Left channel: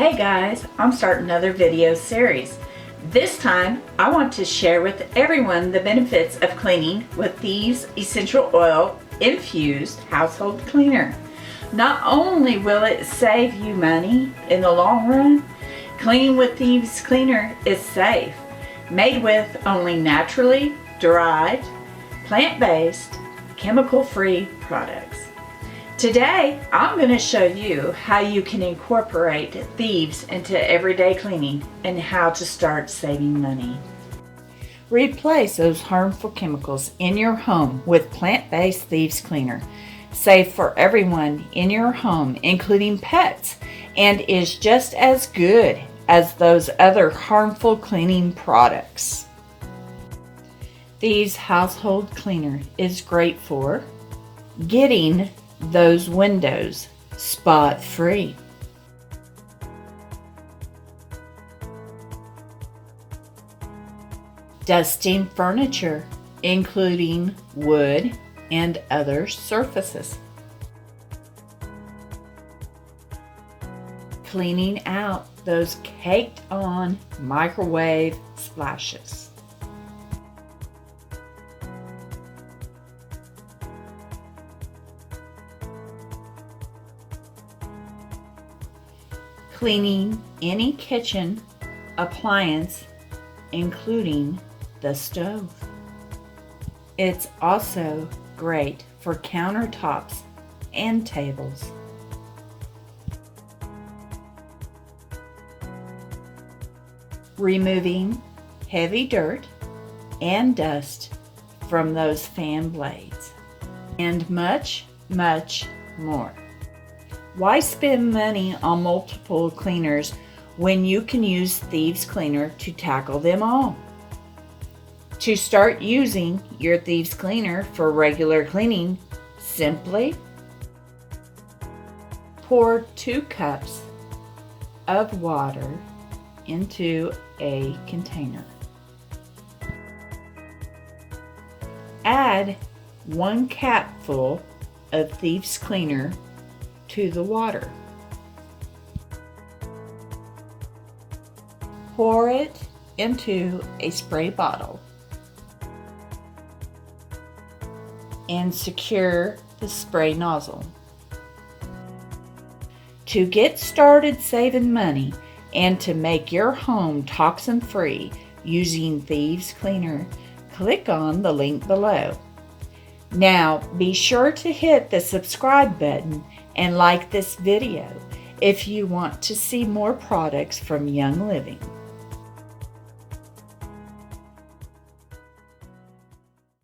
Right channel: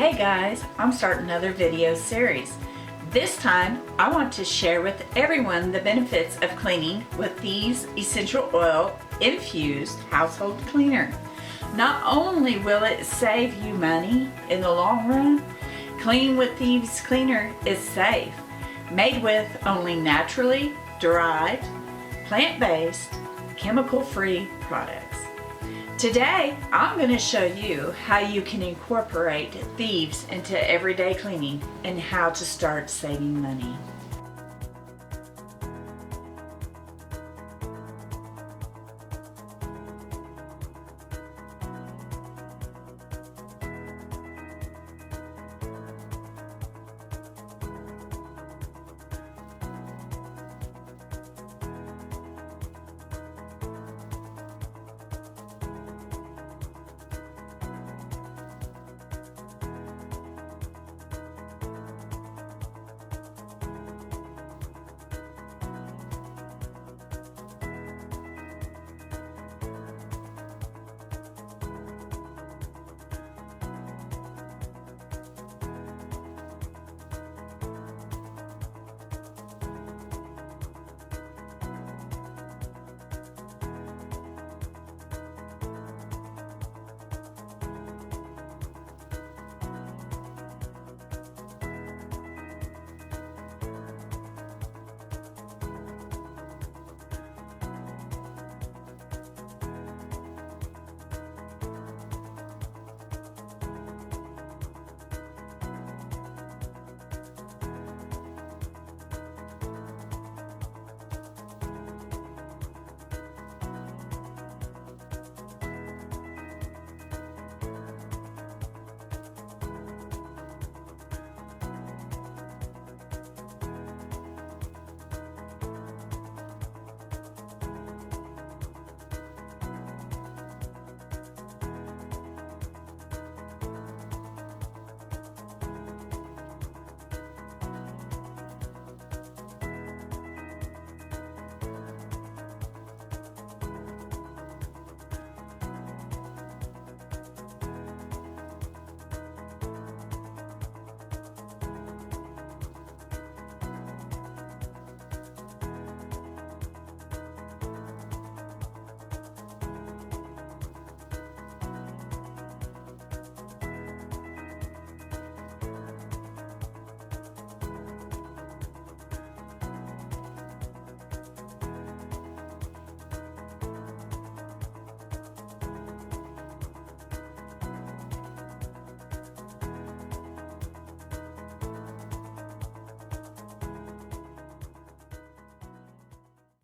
Hey guys, I'm starting another video series. This time I want to share with everyone the benefits of cleaning with Thieves Essential-Oil Infused Household Cleaner. Not only will it save you money in the long run, cleaning with Thieves Cleaner is safe, made with only naturally derived, plant-based, chemical-free products. Today, I'm going to show you how you can incorporate Thieves into everyday cleaning and how to start saving money. Replace those harmful chemicals in your home with plant-based Thieves Cleaner. Safe for everyone in your home, including pets, and is just as good as those other harmful cleaning products. Thieves Household Cleaner is great for getting those windows spot free, dusting furniture including wood and other surfaces, cleaning out those caked on microwave splashes, cleaning any kitchen appliance, including the stove. It's also great for countertops and tables. Removing heavy dirt and dust from those fan blades, and much, much more. Why spend money on multiple cleaners when you can use Thieves Cleaner to tackle them all? To start using your Thieves Cleaner for regular cleaning, simply pour 2 cups of water into a container. Add 1 capful of Thieves Cleaner to the water. Pour it into a spray bottle and secure the spray nozzle. To get started saving money and to make your home toxin free using Thieves Cleaner, click on the link below. Now be sure to hit the subscribe button and like this video if you want to see more products from Young Living.